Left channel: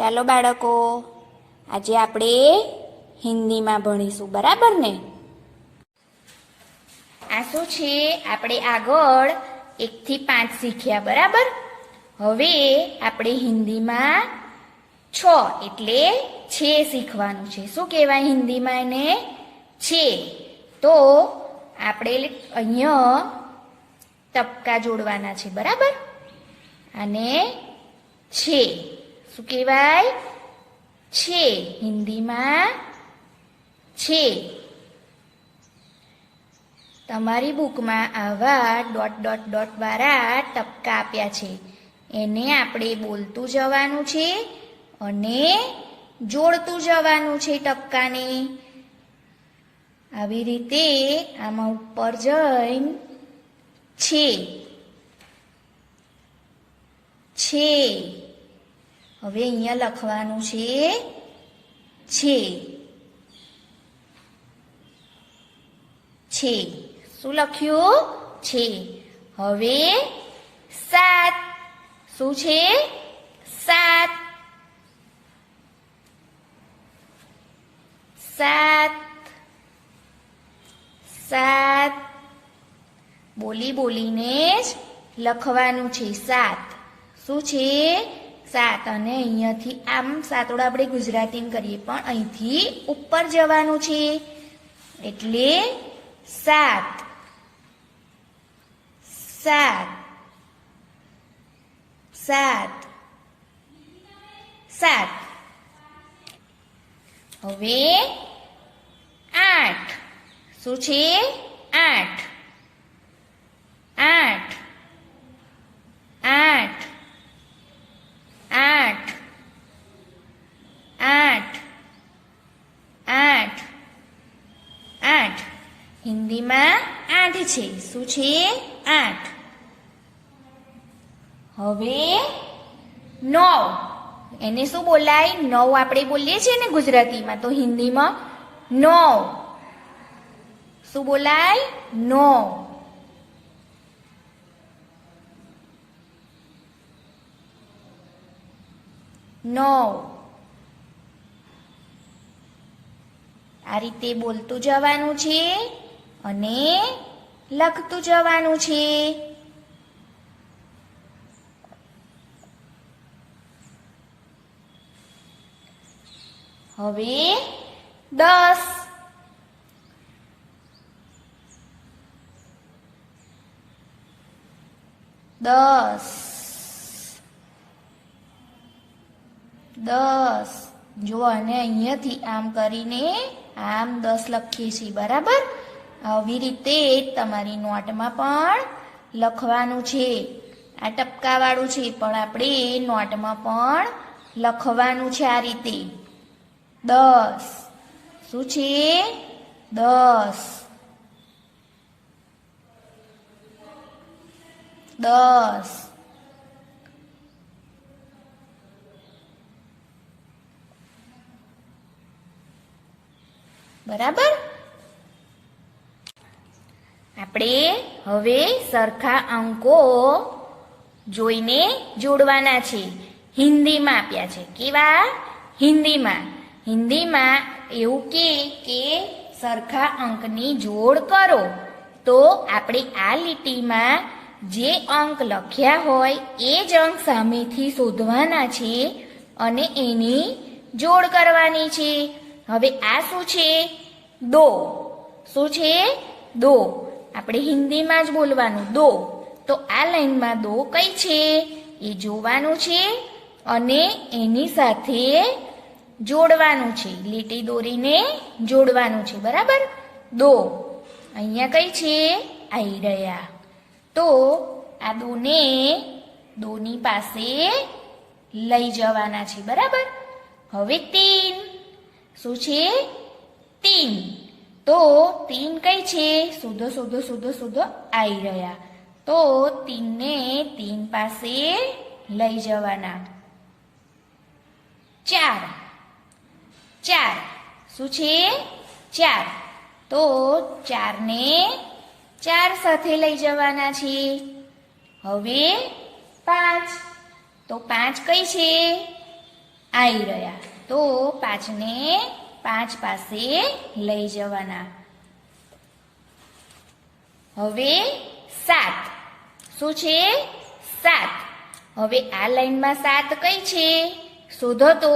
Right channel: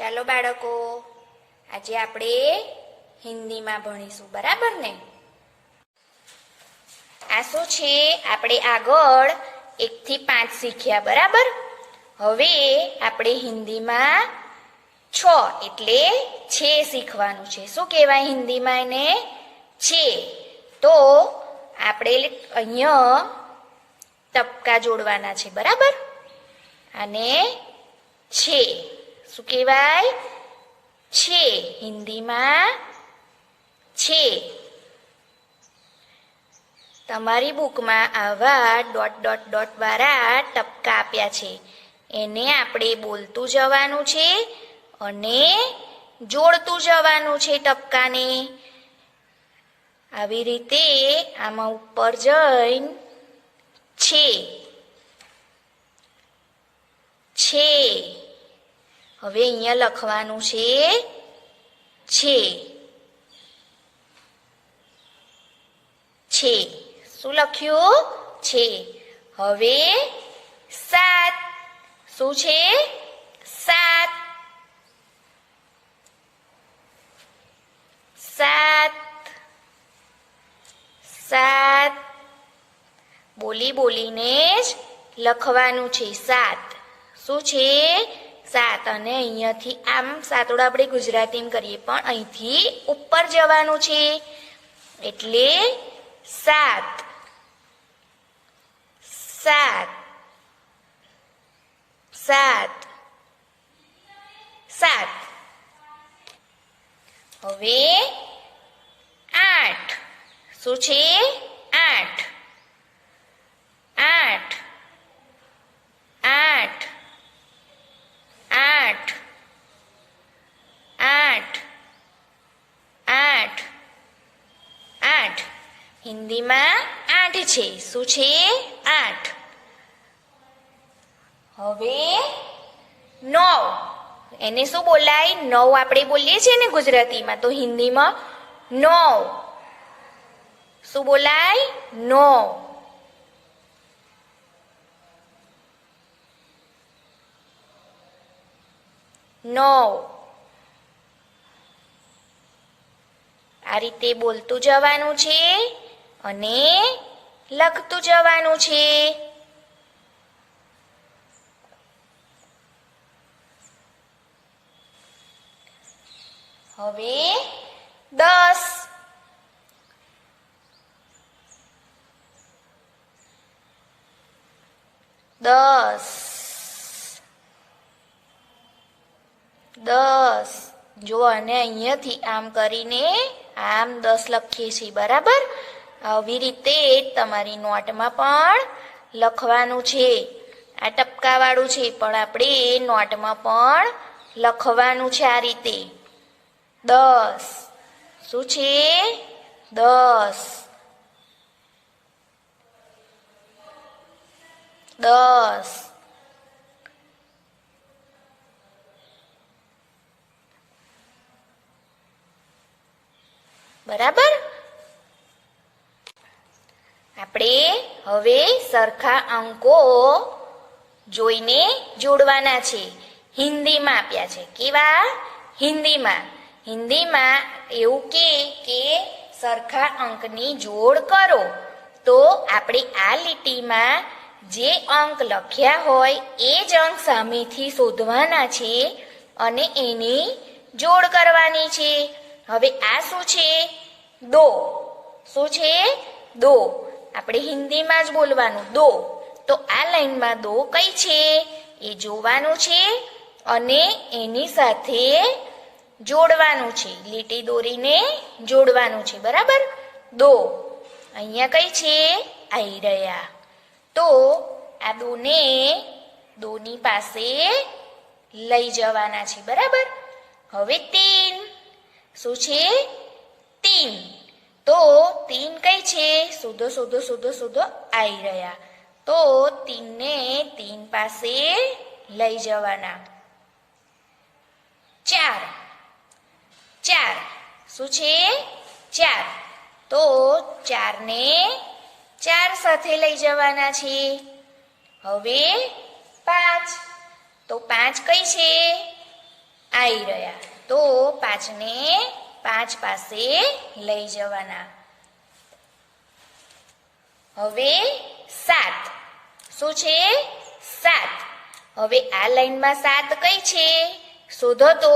ચાલો બાળકો, આજે આપણે હિન્દીમાં ભણીશું, બરાબર ને? આ શું છે? આપણે આગળ 1 થી 5 શીખ્યા, બરાબર? હવે આપણે હિન્દીમાં 6 એટલે છે શીખવાનું છે. શું કહેવાય હિન્દીમાં એને? છે. તો આપણે અહીંયા ટપકા જોડવાના છે, બરાબર? અને છે શું કહેવાય? છે. હિન્દીમાં છે. તમારી બુકમાં આવા ડોટ ડોટ ડોટ વાળા ટપકા આપ્યા છે. એને આપણે બોલતું જવાનું છે અને જોડતું જવાનું છે ટપકાને. આવી રીતે આમાં ઉપર જઈને છે. હવે અહીંયા લખવાનું છે. શું લખ્યું? છે. હવે 7. શું છે? 7. બોલી બોલીને જ લખવાનું છે. 7. શું છે? 7. અને અહીંયાથી આમ સાતોડા આપણે ગુજરાતીમાં કરીએ, પણ અહીંથી ઉપર જવાનું છે એટલે 7. હવે 8. શું છે? 8. હિન્દીમાં 8 છે. શું છે? 8. હવે 9. એને શું બોલાય? 9 આપણે બોલીએ છીએ ને ગુજરાતીમાં, તો હિન્દીમાં 9 શું બોલાય? 9. આ રીતે બોલતું જવાનું છે અને લખતું જવાનું છે. હવે 10. 10. જો અને અહીંયાથી આમ કરીને આમ 10 લખીએ છીએ, બરાબર? આવી રીતે તમારી નોટમાં પણ લખવાનું છે. આ ટપકાવાળું છે, પણ આપણે નોટમાં પણ લખવાનું છે આ રીતે. 10. શું છે? 10. બરાબર? આપણે હવે સરખા અંકો જોઈને જોડવાના છે. હિન્દીમાં આપ્યા છે. કેવા? હિન્દીમાં એવું કે સરખા અંકની જોડ કરો. તો આપણે આ લીટીમાં જે અંક લખ્યા હોય એ જ અંક સામેથી શોધવાના છે અને એની જોડ કરવાની છે. હવે આ શું છે? દો. શું છે? દો. આપણે હિન્દીમાં જ બોલવાનું, દો. તો આ લાઈનમાં દો કઈ છે એ જોવાનું છે અને એની સાથે જોડવાનું છે. લીટી દોરીને જોડવાનું છે, બરાબર? દો. અહીંયા કઈ છે? આઈ રહ્યા. તો આ દોની પાસે લઈ જવાના છે, બરાબર? હવે 3. શું છે? 3. તો 3 કઈ છે? શોધો આઈ રહ્યા. તો 3 ને 3 પાસે લઈ જવાના. 4. શું છે? 4. તો 4 ને 4 સાથે લઈ જવાના છે. હવે 5. તો 5 કઈ છે? આવી રહ્યા. તો 5ને 5 પાસે લઈ જવાના. હવે 7. શું છે? 7. હવે આ લાઈનમાં 7 કઈ છે? શોધો તો.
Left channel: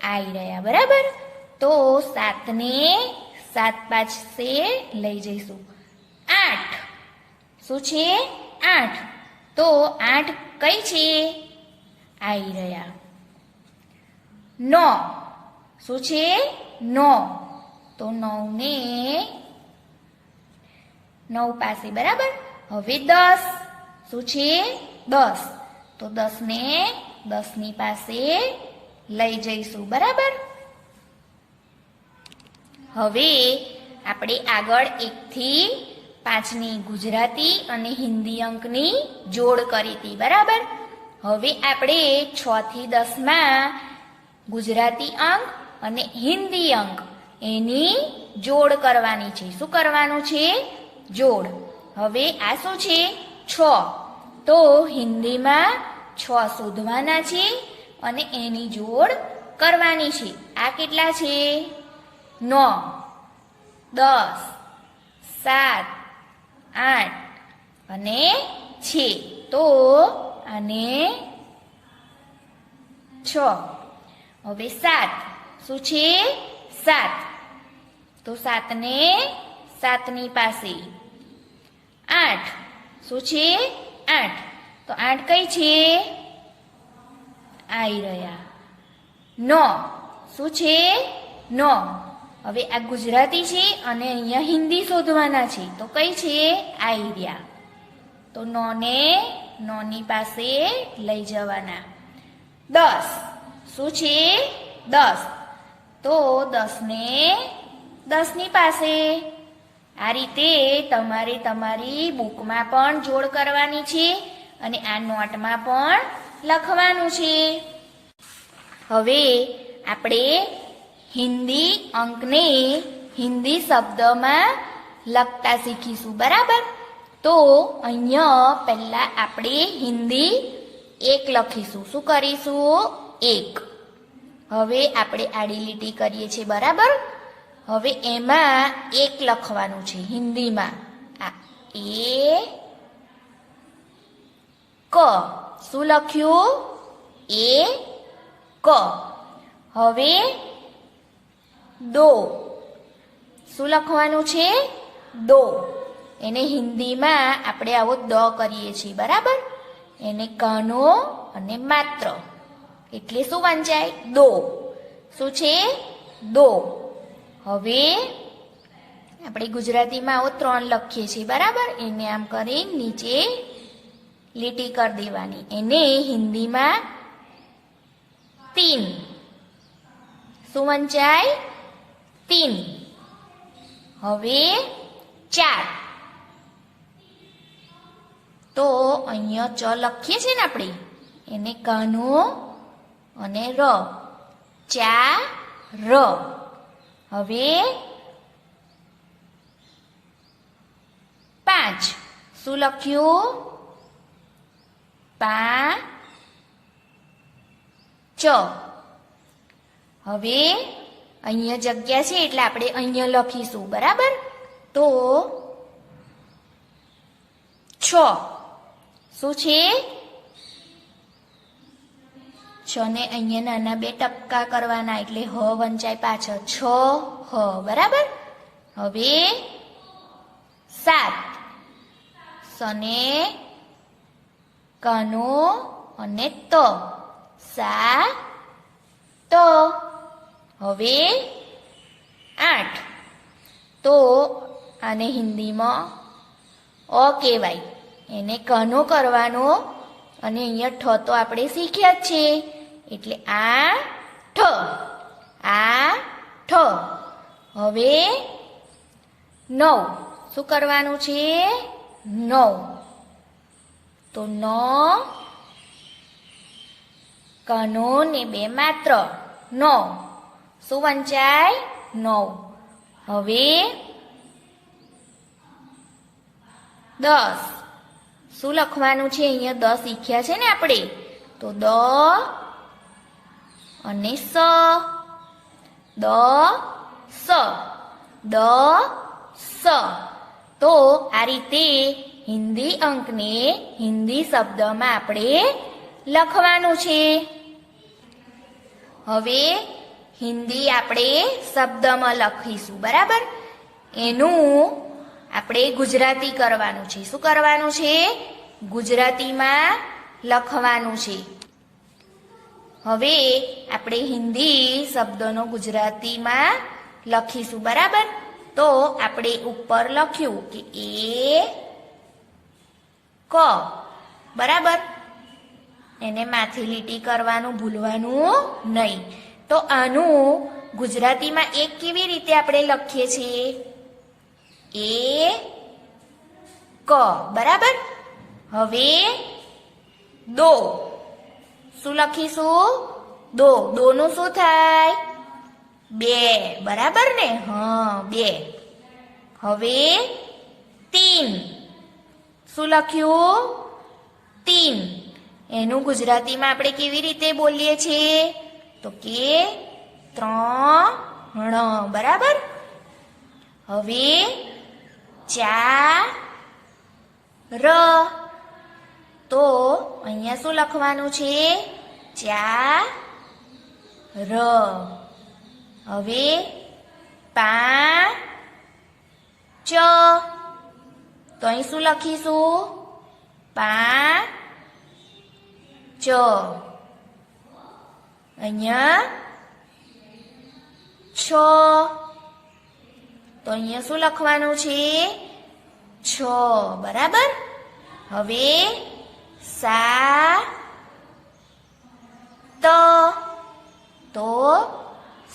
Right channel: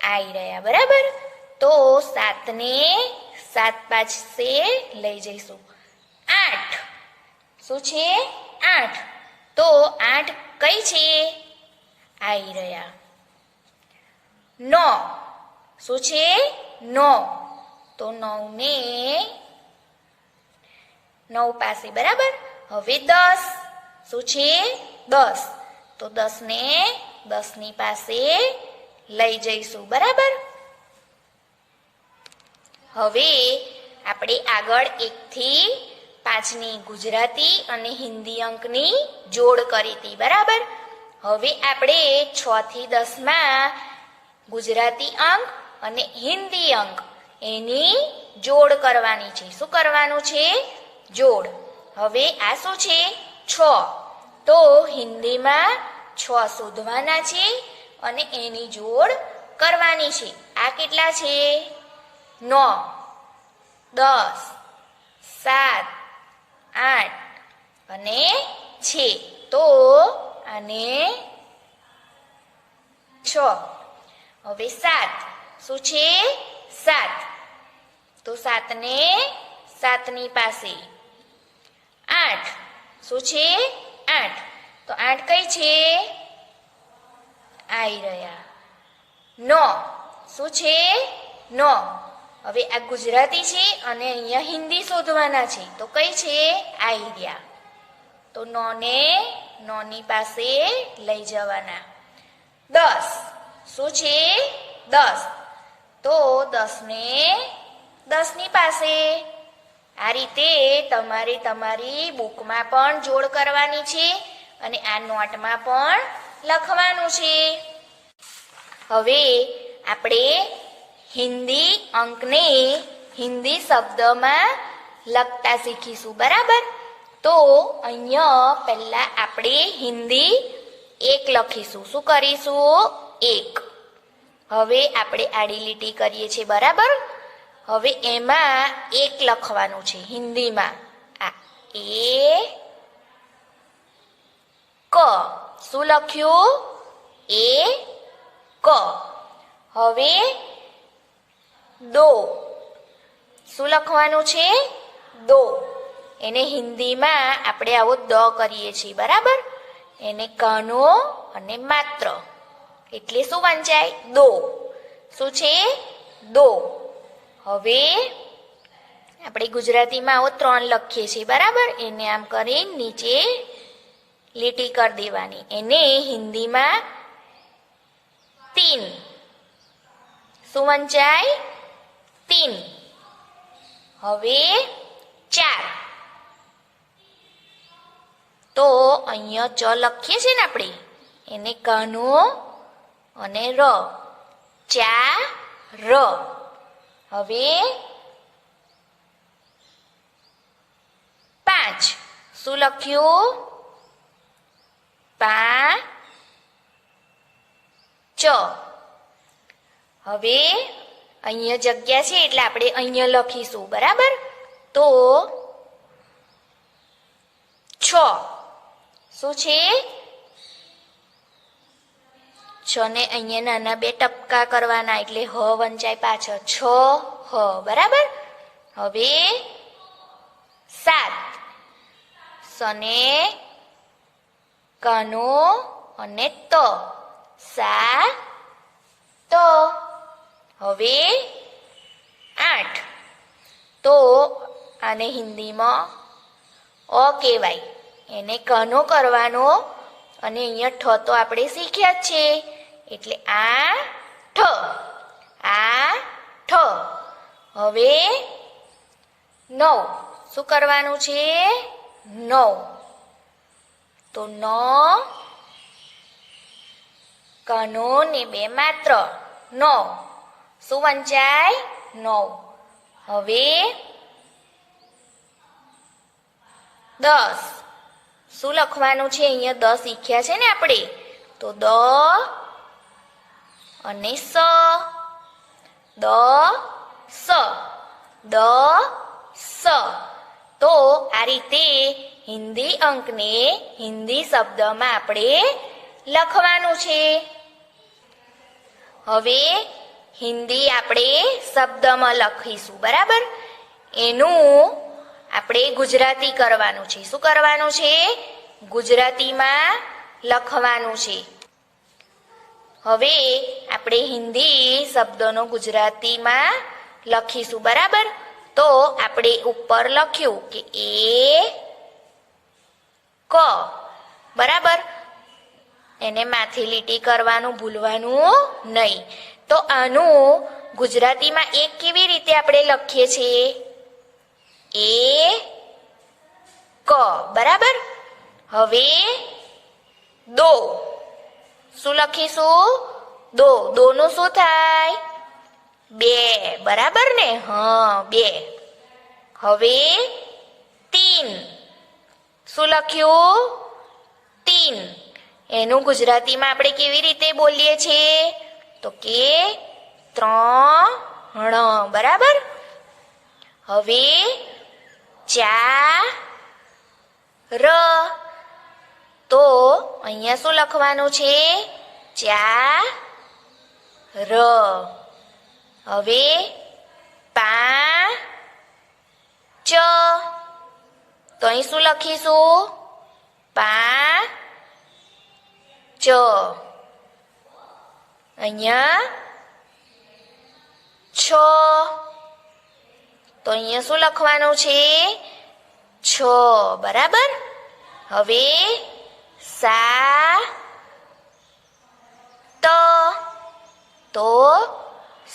આવી રહ્યા, બરાબર. તો 7ને 7 પાસે લઈ જઈશું. 8. શું છે? 8. તો 8 કઈ છે? આવી રહ્યા. 9. શું છે? 9. તો 9ને 9 પાસે, બરાબર. હવે 10. શું છે? 10. તો 10ને 10ની પાસે લઈ જઈશું, બરાબર. હવે આપણે આગળ 1 થી 5ની ગુજરાતી અને હિન્દી અંકની જોડ કરી હતી, બરાબર. હવે આપણે 6 થી 10માં ગુજરાતી અંક અને હિન્દી અંક એની જોડ કરવાની છે. શું કરવાનું છે? જોડ. હવે આ શું છે? 6. તો હિન્દીમાં 6 શોધવાના છે અને એની જોડ કરવાની છે. આ કેટલા છે? 9, 10, 7, 8 અને 6. તો આને 6. હવે 7. શું છે? 7. તો 7ને 7ની પાસે. 8. શું છે? 8. તો 8 કઈ છે? આવી રહ્યા. 9. શું છે? 9. હવે આ ગુજરાતી છે અને અહીંયા હિન્દી શોધવાના છે. તો કઈ છે? આવી રહ્યા. તો 9ને 9ની પાસે લઈ જવાના. 10. શું છે? 10. તો 10ને 10ની પાસે. આ રીતે તમારે તમારી બુકમાં પણ જોડ કરવાની છે અને આ નોટમાં પણ લખવાનું છે. હવે આપણે હિન્દી અંકને હિન્દી શબ્દમાં લખતા શીખીશું, બરાબર. તો અહીંયા પહેલા આપણે હિન્દી 1 લખીશું. શું કરીશું? 1. હવે આપણે આડી લીટી કરીએ છીએ, બરાબર. હવે એમાં 1 લખવાનું છે હિન્દીમાં. આ ક. શું લખ્યું? ક. હવે દો. શું લખવાનું છે? દો. એને હિન્દીમાં આપણે આવો દ કરીએ છીએ, બરાબર. એને કનો અને માત્ર એટલે શું વંચાય? દો. શું છે? દો. હવે આપણે ગુજરાતીમાં આવો 3 લખીએ છીએ, બરાબર. એને આમ કરી નીચે લીટી કરી દેવાની. એને હિન્દીમાં 3. શું વંચાય? 3. હવે 4. તો અહીંયા ચ લખીએ છીએ ને આપણે, એને કનો અને ર. 4. હવે 5. શું લખ્યું? 5. હવે અહીંયા જગ્યા છે એટલે આપણે અહીંયા લખીશું, બરાબર. તો 6. શું છે? 6 ને અહીંયા નાના 2 ટપકા કરવાના એટલે હ વંચાય પાછળ. 6 હ, બરાબર. હવે 7. સને કનો અને ત. 7. હવે 8. તો આને હિન્દીમાં અ કહેવાય. એને કનો કરવાનો અને અહીંયા ઠ તો આપણે શીખ્યા જ છે એટલે આ ઠ. હવે 9. શું કરવાનું છે? 9. તો ન કનો ને 2 માત્ર. 9. શું વંચાય? 9. હવે 10. શું લખવાનું છે? અહીંયા 10 શીખ્યા છે ને આપણે. તો અને સ, દ સ, દ સ. તો આ રીતે હિન્દી અંકને હિન્દી શબ્દમાં આપણે લખવાનું છે. હવે હિન્દી આપણે શબ્દમાં લખીશું, બરાબર? એનું આપણે ગુજરાતી કરવાનું છે. શું કરવાનું છે? ગુજરાતીમાં લખવાનું છે. હવે આપણે હિન્દી શબ્દોનો ગુજરાતીમાં લખીશું, બરાબર? તો આપણે ઉપર લખ્યું કે ક, બરાબર? એને માથે લીટી કરવાનું ભૂલવાનું નહીં. તો આનું ગુજરાતીમાં એક કેવી રીતે આપણે લખીએ છીએ? ક, બરાબર? હવે દો, શું લખીશું? દો, દોનું શું થાય? બે, બરાબર ને? હા, બે. હવે તીન, શું લખ્યું? તીન. એનું ગુજરાતીમાં આપણે કેવી રીતે બોલીએ છીએ? તો કે ત્રણ, બરાબર? હવે ચાર, તો અહીંયા શું લખવાનું છે? ચાર. હવે પાંચ, તો અહીં શું લખીશું? પાંચ. અહીંયા છ, તો અહીંયા શું લખવાનું છે? છ, બરાબર? હવે સાત, તો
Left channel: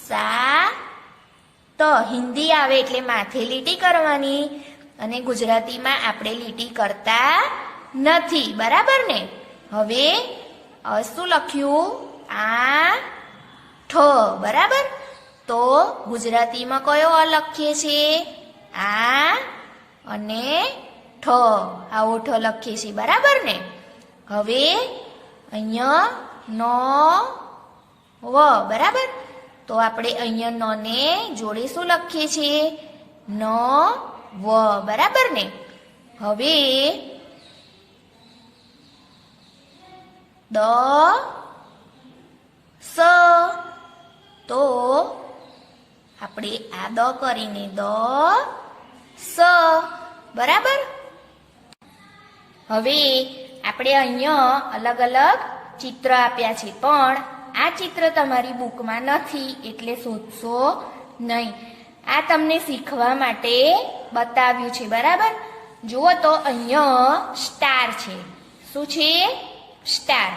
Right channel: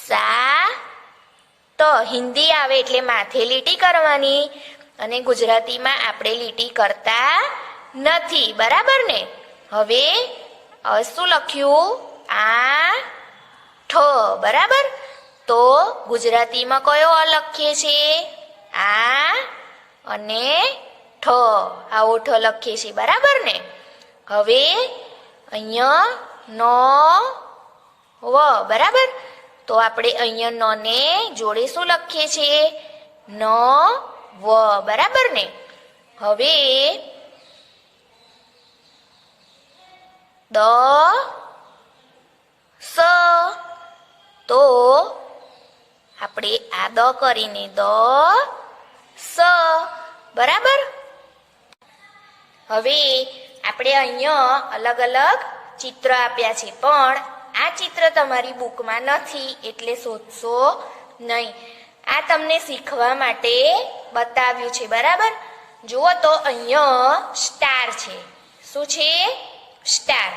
સાત. હિન્દી આવે એટલે માથે લીટી કરવાની અને ગુજરાતીમાં આપણે લીટી કરતા નથી, બરાબર ને? હવે શું લખ્યું? આઠ, બરાબર? તો ગુજરાતીમાં કયો અ લખીએ છીએ? આ અને ઠ, આવો ઠ લખીએ છીએ, બરાબર ને? હવે અહીંયા વ, બરાબર? તો આપણે અહીંયા ને જોડે શું લખીએ છીએ? વ, બરાબર ને? હવે સ, તો આપણે આ દ કરીને સ, બરાબર? હવે આપણે અહીંયા અલગ અલગ ચિત્ર આપ્યા છે, પણ આ ચિત્ર તમારી બુકમાં નથી એટલે શોધશો નહીં. આ તમને શીખવા માટે બતાવ્યું છે, બરાબર? જુઓ તો અહીંયા સ્ટાર છે. શું છે? સ્ટાર.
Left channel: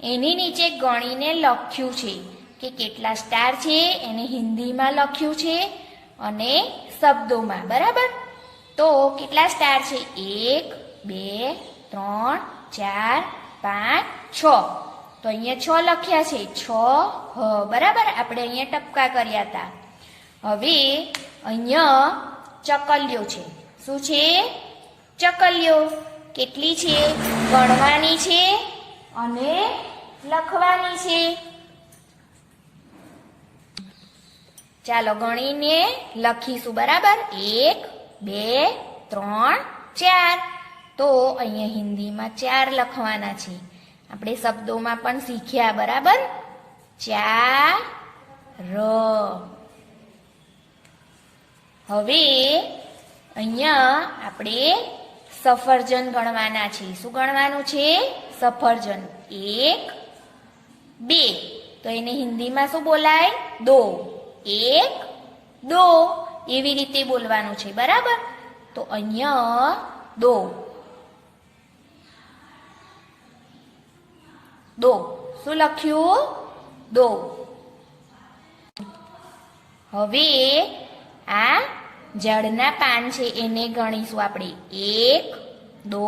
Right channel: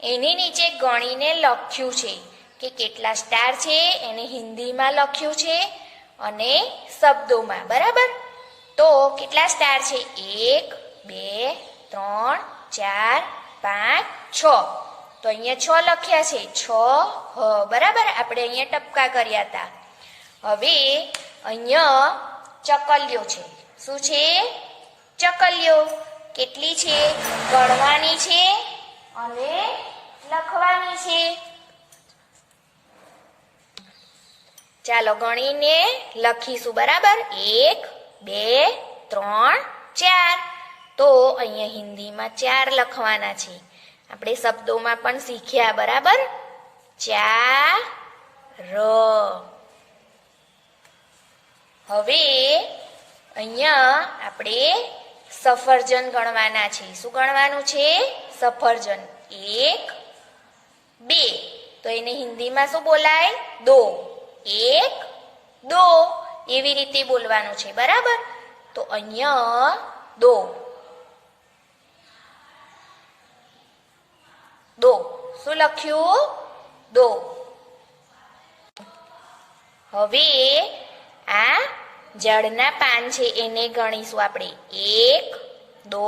એની નીચે ગણીને લખ્યું છે કે કેટલા સ્ટાર છે, એને હિન્દીમાં લખ્યું છે અને શબ્દોમાં, બરાબર? તો કેટલા સ્ટાર છે? 1 2 3 4 5 6. તો અહીંયા 6 લખ્યા છે. 6 બરાબર? આપણે અહીંયા ટપકા કર્યા હતા. હવે અહીંયા ચકલીઓ છે. શું છે? ચકલીઓ. કેટલી છે? ગણવાની છે અને લખવાની છે. ચાલો ગણીને લખીશું, બરાબર? 1 2 3 4. તો અહીંયા હિન્દીમાં 4 લખવાના છે. આપણે શબ્દોમાં પણ શીખ્યા, બરાબર? 4. હવે અહીંયા આપણે સફરજન ગણવાના છે. શું ગણવાનું છે? સફરજન. 1 2. તો એને હિન્દીમાં શું બોલાય? દો. 1 2. એવી રીતે બોલવાનું છે, બરાબર? તો અહીંયા દો. શું લખ્યું? દો. હવે આ ઝાડના પાન છે એને ગણીશું આપણે. 1 2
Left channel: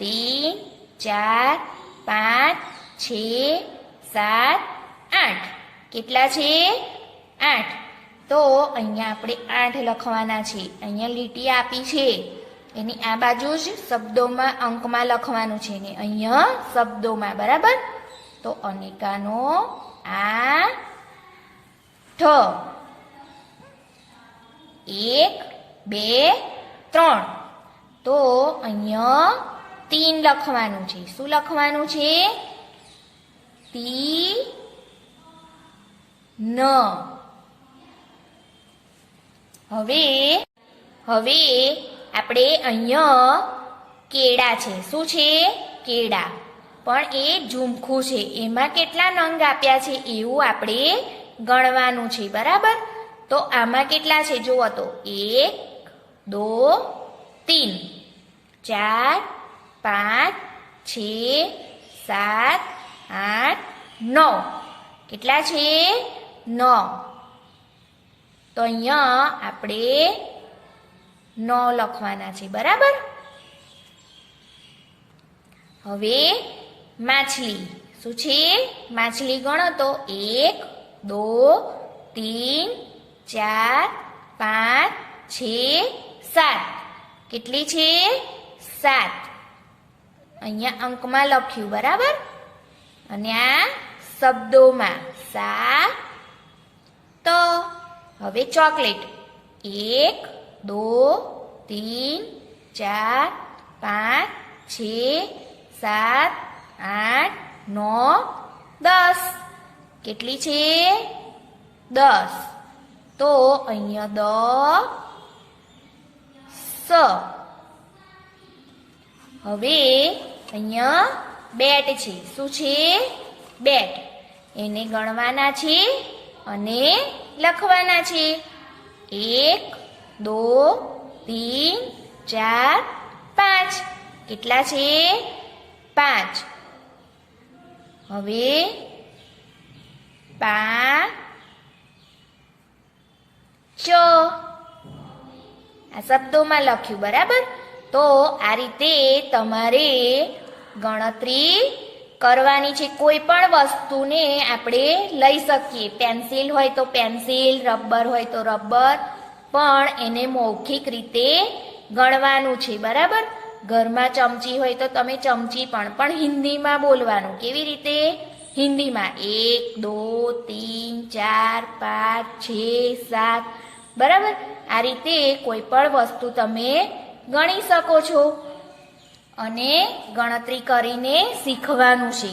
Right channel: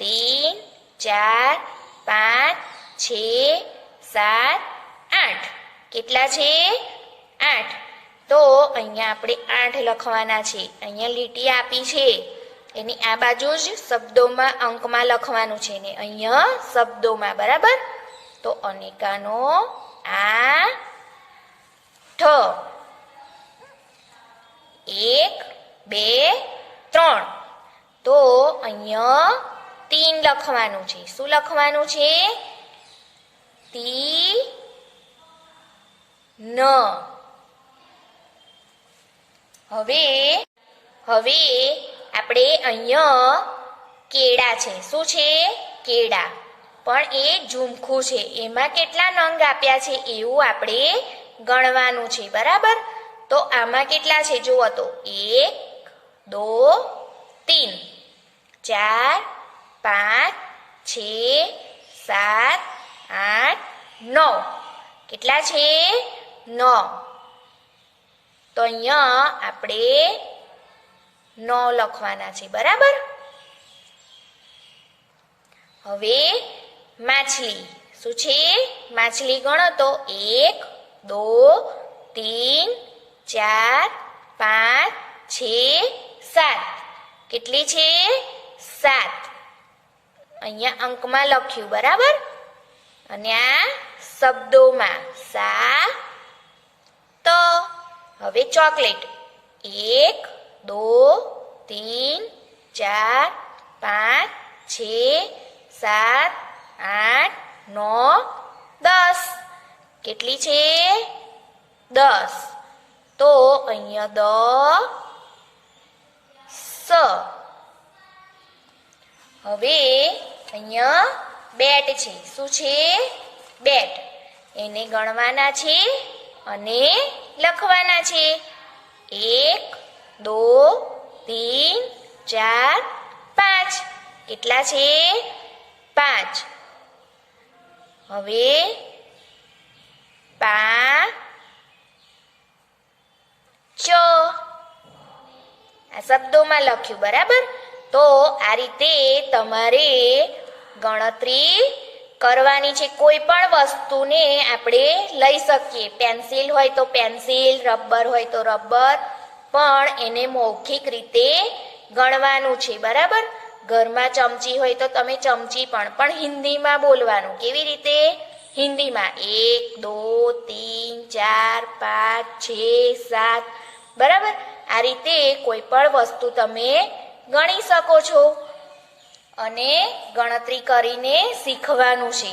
3 4 5 6 7 8. કેટલા છે? 8. તો અહીંયા આપણે 8 લખવાના છે. અહીંયા લીટી આપી છે એની આ બાજુ જ શબ્દોમાં અંકમાં લખવાનું છે ને અહીંયા શબ્દોમાં, બરાબર? તો અનેકાનો 1 2 3 તો અહીંયા 3 લખવાનું છે. શું લખવાનું છે? તીન. હવે આપણે અહીંયા કેળા છે. શું છે? કેળા. પણ એ ઝુમખું છે. એમાં કેટલા નંગ આપ્યા છે એવું આપણે ગણવાનું છે. બરાબર? તો આમાં કેટલા છે જુઓ તો 1 2 3 4 5 6 7 8 9. કેટલા છે? 9. તો અહીંયા આપણે 9 લખવાના છે. બરાબર? હવે માછલી. શું છે? માછલી ગણો તો 1 2 3 4 5 6 7. કેટલી છે? 7. અહીંયા અંકમાં લખ્યું. બરાબર? અને આ શબ્દોમાં તો હવે ચોકલેટ 1 2 3 4 5 6 7 8 9 10. કેટલી છે? 10. તો અહીંયા 10. હવે અહીંયા બેટ છે. શું છે? બેટ. એને ગણવાના છે અને લખવાના છે. 1 2 3 4 5. કેટલા છે? 5. હવે 5 આ શબ્દોમાં લખ્યું. બરાબર? તો આ રીતે તમારે ગણતરી કરવાની છે. કોઈ પણ વસ્તુને આપણે લઈ શકીએ. પેન્સિલ હોય તો પેન્સિલ, રબર હોય તો રબર, પણ એને મૌખિક રીતે ગણવાનું છે. બરાબર? ઘરમાં ચમચી હોય તો તમે ચમચી પણ હિન્દીમાં બોલવાનું. કેવી રીતે? હિન્દીમાં 1 2 3 4 5 6 7. બરાબર? આ રીતે કોઈ પણ વસ્તુ તમે ગણી શકો છો અને ગણતરી કરીને શીખવાનું છે.